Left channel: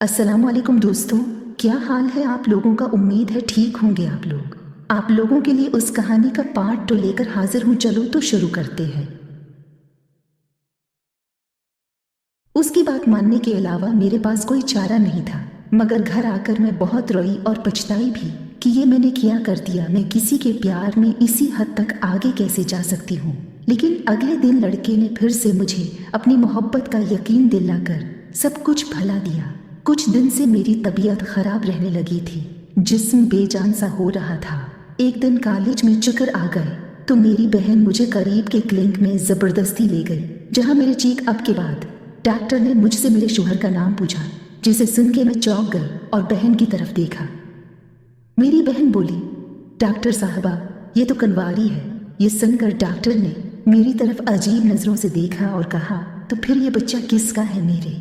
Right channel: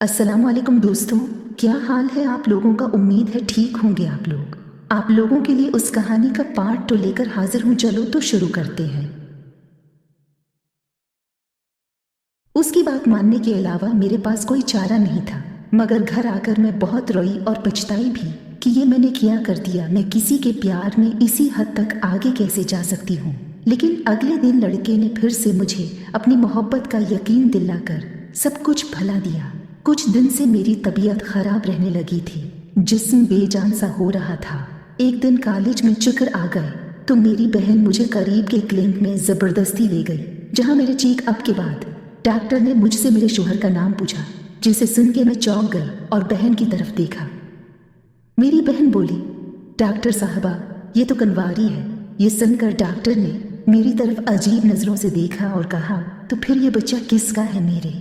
अस्सलाम वालेकुम दोस्तों, क्या हाल है आप लोगों का। उम्मीद है ठीक होंगे आप लोग। आप लोगों के लिए उस कहानी का पार्ट 2 लेकर हाजिर हूँ। चलो तो शुरू करते हैं। उसकी बात मानने के अलावा मेरे पास कोई चारा नहीं था, मगर घर आकर मैं बहुत रोई और पछताई भी कि ये मैंने क्या कर दिया। मैं किसी के प्यार में इसी हद तक आगे कैसे जा सकती हूँ। लेकिन अगले दिन लड़के ने फिर से मुझे अपनी मोहब्बत का यकीन दिलाकर सब कुछ भला दिया। कुछ दिन से मेरी तबीयत खराब रहने लगी थी, जिस्म बेजान सा हो रहा था। एक दिन कॉलेज में चक्कर आ गए तो मेरी बहन मुझे करीब के क्लिनिक में जबरदस्ती ले गई, जहाँ मेरे चेकअप के बाद डॉक्टर ने मुझसे मेरे शोहर का नाम पूछा, जिसे सुन के मैं चौंक गई और बहन की तरफ देखा। मेरी बहन बोली, डॉक्टर साहबा, ये तो कनवारी है। ये सुनकर डॉक्टर ने मेरी तरफ अजीब नजरों से देखा और कहा, तो फिर ये बच्चा किसका है। मेरे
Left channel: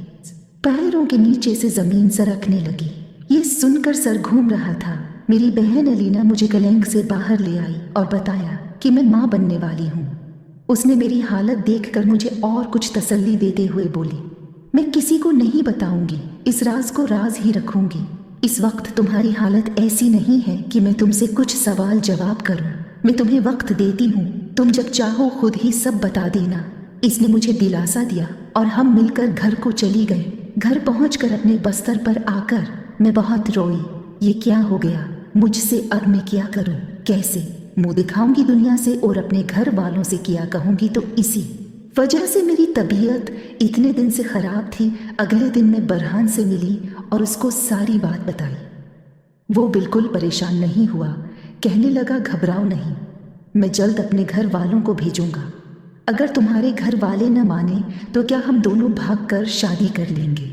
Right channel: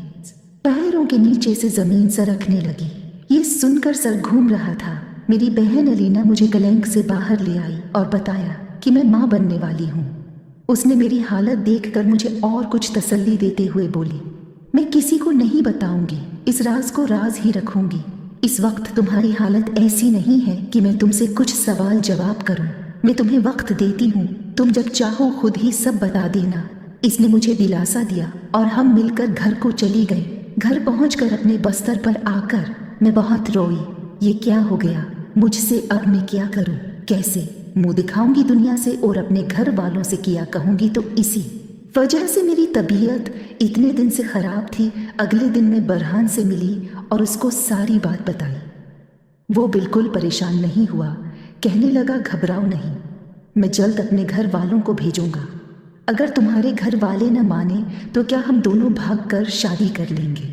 पैरों के नीचे से जमीन सरकने लगी। ये सुनकर सर घूम रहा था। मेरी बहन अलीना मुझे क्लिनिक से बाहर ले आई और बताया कि मैं माँ बनने वाली हूँ। उसने मेरी हालत देखकर मुझे और कुछ तसल्ली देते हुए बोली, मैं किसी को नहीं बताऊंगी, इस राज को राज ही रखूंगी। इस वक्त तुम्हारी हालत ऐसी नहीं है कि मैं तुमसे कुछ सवाल जवाब करूं। मैं तुम्हें वक्त देती हूँ, तुम जब चाहो खुद ही सब बता देना। इसने मुझे दिलासा दिया और हम मिलकर घर को चली गई। घर पहुंचकर अपने बस्तर पर आकर मैं बहुत रोई। ये क्या हो गया मुझसे, अब मैं क्या करूं, कैसे मुंह दिखाऊंगी दुनिया से और अपने घर वालों से किया कहूंगी। तो इसी वजह से मेरी तबीयत इतने दिन से खराब थी। अगले दिन मैं बरहान से मिली और उसको सारी बात बताई। वो बिल्कुल परेशान नहीं हुआ, कहने लगा, घबराओ नहीं, मैं जल्द अपने घर वालों को भेजूंगा। अगर तुम्हारे घर वाले न माने तो क्या हम दोनों भागकर शादी कर लेंगे।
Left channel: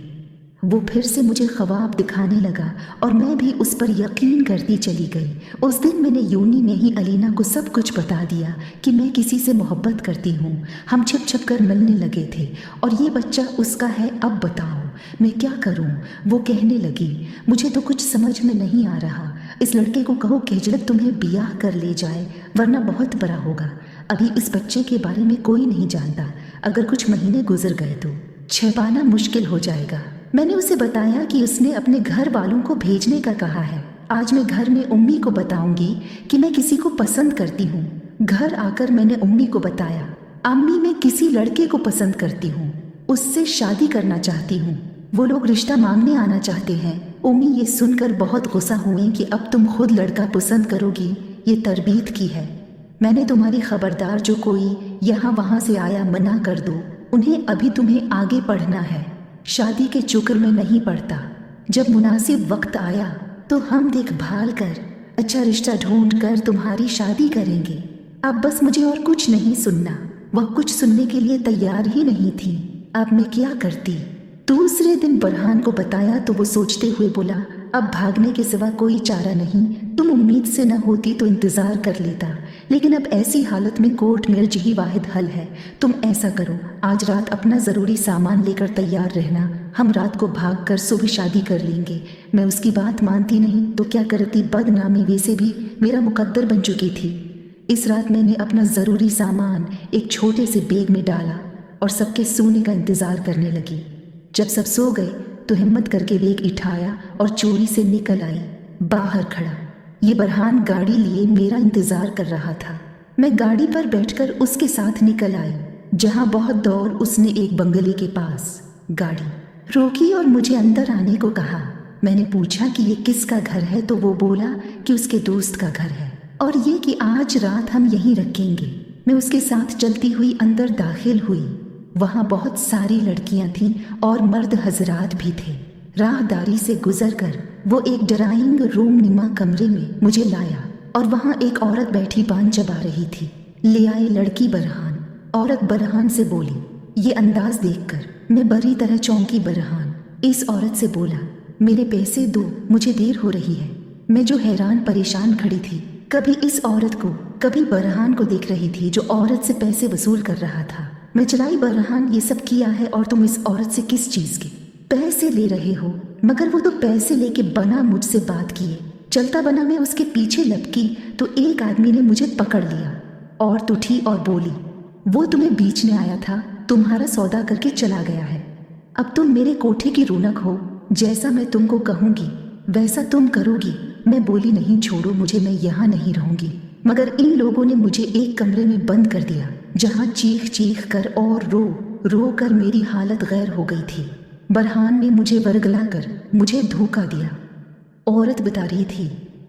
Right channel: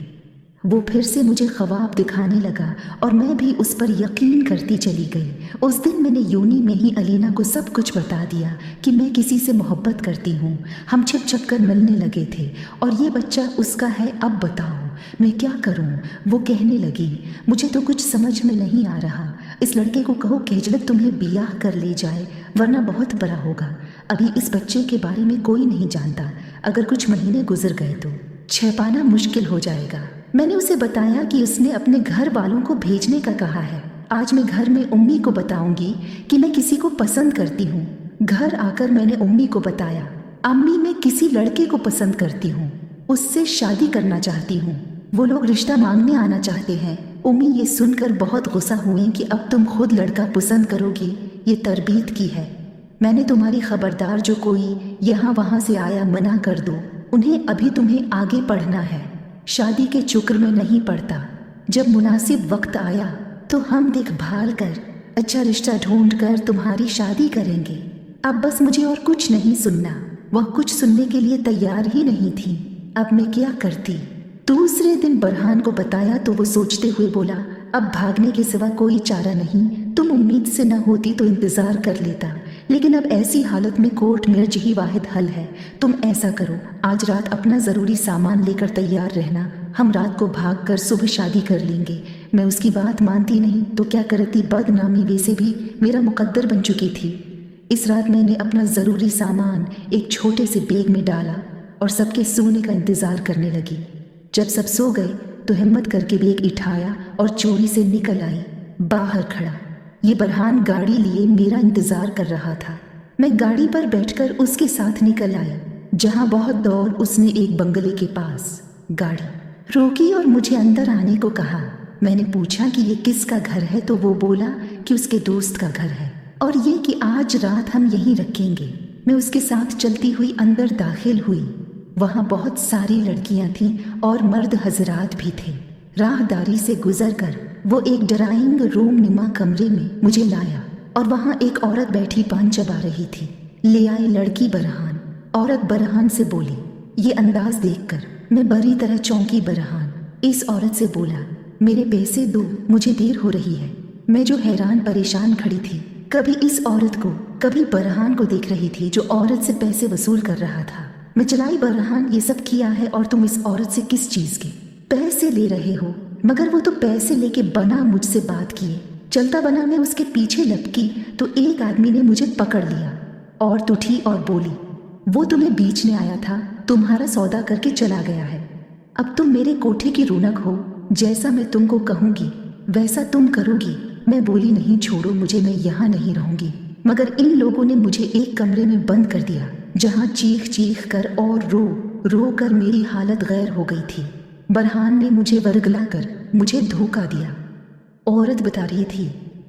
वो फिर से मुझे ख्वाब दिखाने लगा और मैं भी उस पर यकीन करती चली गई। उस दिन मैंने यूनी में ही अलीना को सब कुछ बता दिया कि मैं किसी से मोहब्बत करती हूँ। हम छिप छिप कर मिलने लगे थे और ये बच्चा उसका है। अब बताओ मैं क्या करूँ। वो कहने लगी, मुझे तो कुछ समझ में नहीं आ रहा। इस लड़के को कहो केजड़क तुम्हें बियाह कर ले जाए, वरना बहुत बड़ा होगा। अभी इस बच्चे के बारे में कोई नहीं जानता। अगर कुछ महीने गुजर गए तो छिपाना मुश्किल हो जाएगा। मैंने उसे बताया कि उसने अपने घर वालों को भेजने का कहा है। आज मैं घर में उम्मी को बताऊंगी कि मैं किसी को पसंद करती हूँ। घर आकर मैंने उम्मी को बताया, अम्मी मैं किसी लड़के को पसंद करती हूँ, उससे शादी करना चाहती हूँ। वो लोग रिश्ता मांगने आना चाहते हैं। उम्मी ये सुनकर बहुत गुस्सा हुई कि अब तुम खुद लड़का पसंद करोगी, ये तरबीत की है। मैंने तुम्हारी खबरदार, जो कोई यहाँ वहाँ से आया मना कर दो। उन्हें अभी तुम्हें आगे पढ़ना है, शादी के चक्कर में नहीं पड़ता। जब मुनासिब वक्त आया तो हम देखभाल कर अच्छा रिश्ता ढूंढ कर तुम्हारी शादी करेंगे। अब बस मुझे और कुछ नहीं सुनना। वह कुछ सुनने के लिए तैयार ही नहीं थी। अब मैं क्या करती। दूसरे दिन बरहान को बताया तो वो सोचते हुए बोला, अब भागने के सिवा कोई चारा नहीं। तुम उम्मीद से न होती तो इंतजार कर लेता, लेकिन अब ऐसी हालत में कोर्ट मैरिज ही वाहिद हल है। तुम ऐसा करो, आज रात अपना ज़रूरी सामान लेकर तैयार रहना। हम रात को भागकर सुबह शादी कर लेंगे। मैं उसकी बात मानती नहीं तो क्या करती, बदनामी वैसे भी मेरा मुकद्दर बन चुकी थी। इस रात मैंने अपना ज़रूरी सामान एक छोटे से बैग में डाला और सबके सोने का इंतज़ार करने लगी। जब सब सो गए तो हिम्मत करके बैग उठाया और चोरी से निकल आई। बाहर खड़ा ये बरहान गाड़ी लिए मेरा इंतजार कर रहा था। मैं गाड़ी पर बैठकर उसके साथ निकल आई। जहां बहुत दौड़ उसने एक बंगले के पास गाड़ी रोकी और मुझे अंदर आने को कहा। मैंने पूछा कि ये किसका घर है तो वो बोला कि उसके दोस्त का घर है और ये कि आज रात हम यहीं रखेंगे। मैं उसके साथ चलती हुई अंदर दाखिल हुई। वहाँ बहुत सारी लड़कियां थीं और मर्द हजरात भी थे। राहदारी से गुजरकर वो एक ड्राइंग रूम नुमा कमरे में मुझे लाया और वहाँ एक औरत बैठी पान चबा रही थी। ले आई लड़की बरहान। औरत बरहान से बोली। ये अंदाज देखकर मैं बड़ी तरह चौंकी। बरहान इस औरत से बोला, मेरे पैसे दो, मुझे देर हो रही है। मैं जो हैरान परेशान खड़ी थी, कभी इस औरत को कभी बरहान को देख रही थी जो औरत से पैसे वसूल कर रहा था। मैं चलाई, बरहान ये सब किया है और तुम इस औरत से किस चीज के पैसे ले रहे हो। मगर वो तो पैसे लेके बना मुझसे बात किए। चलता बना मैं उसके पीछे लपकी तो एक आदमी ने मुझे पकड़ लिया। औरत उठी और बोली, वो तुम्हें बेचने आया था, तुम्हारा सौदा करके चला गया है। अब तुम मेरे कोठे की रौनक हो जैसा मैं तुमको कहूंगी वैसा तुम करोगी। मैं बोली नहीं छोड़ो मुझे, मैं यहाँ नहीं रहूंगी। मगर इन लोगों ने मुझे एक कमरे में बंद कर दिया जहाँ चीख चीख कर और रो रो कर मेरी हालत गैर हो गई थी। बरहान ने मुझे वरगला कर मुझे धोखा दिया। औरत बता रही थी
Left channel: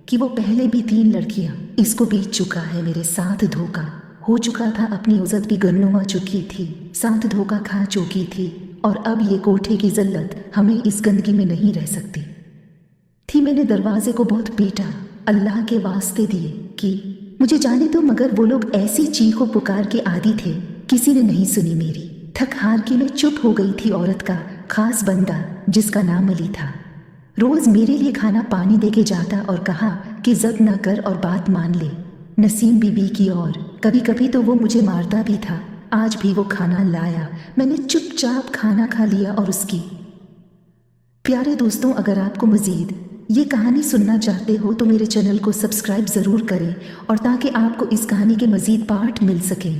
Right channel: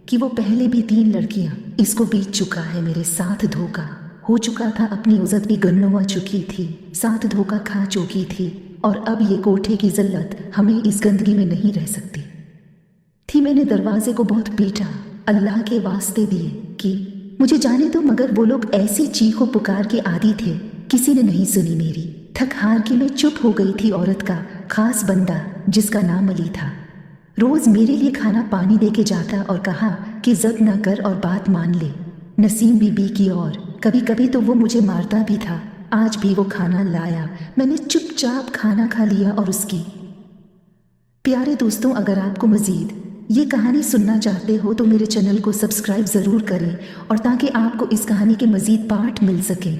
कि वो पहले भी 3 लड़कियां इसको बीत चुका है, मेरे साथ धोखा हो चुका था, अपनी उज़्ज़त भी गरनुमा चुकी थी, साथ धोखा खा चुकी थी और अब ये कोठे की जिल्लत हमें इस गंदगी में नहीं रह सकती थी। मैंने दरवाजे को बहुत पीटा, अल्लाह के वास्ते दिए कि मुझे जाने दो, मगर वो लोग ऐसी चीखों पुकार के आदी थे, किसी ने नहीं सुनी मेरी। थक हार के मैं चुप हो गई थी। औरत का खास बंदा जिसका नाम अली था रोज मेरे लिए खाना पानी दे के जाता और कहा कि जद न कर और बात मान ले नसीम बीबी की। और कभी कभी तो वो मुझे मारता भी था। आज भी वो खाना लाया, मैंने चुपचाप खाना खा लिया। और उसकी प्यारे दोस्तों, अगर आपको मजीद ये कहानी सुनना चाहते हो तो मेरे चैनल को सब्सक्राइब ज़रूर करें और ताकि आपको इस कहानी के मजीद पार्ट मिल सके।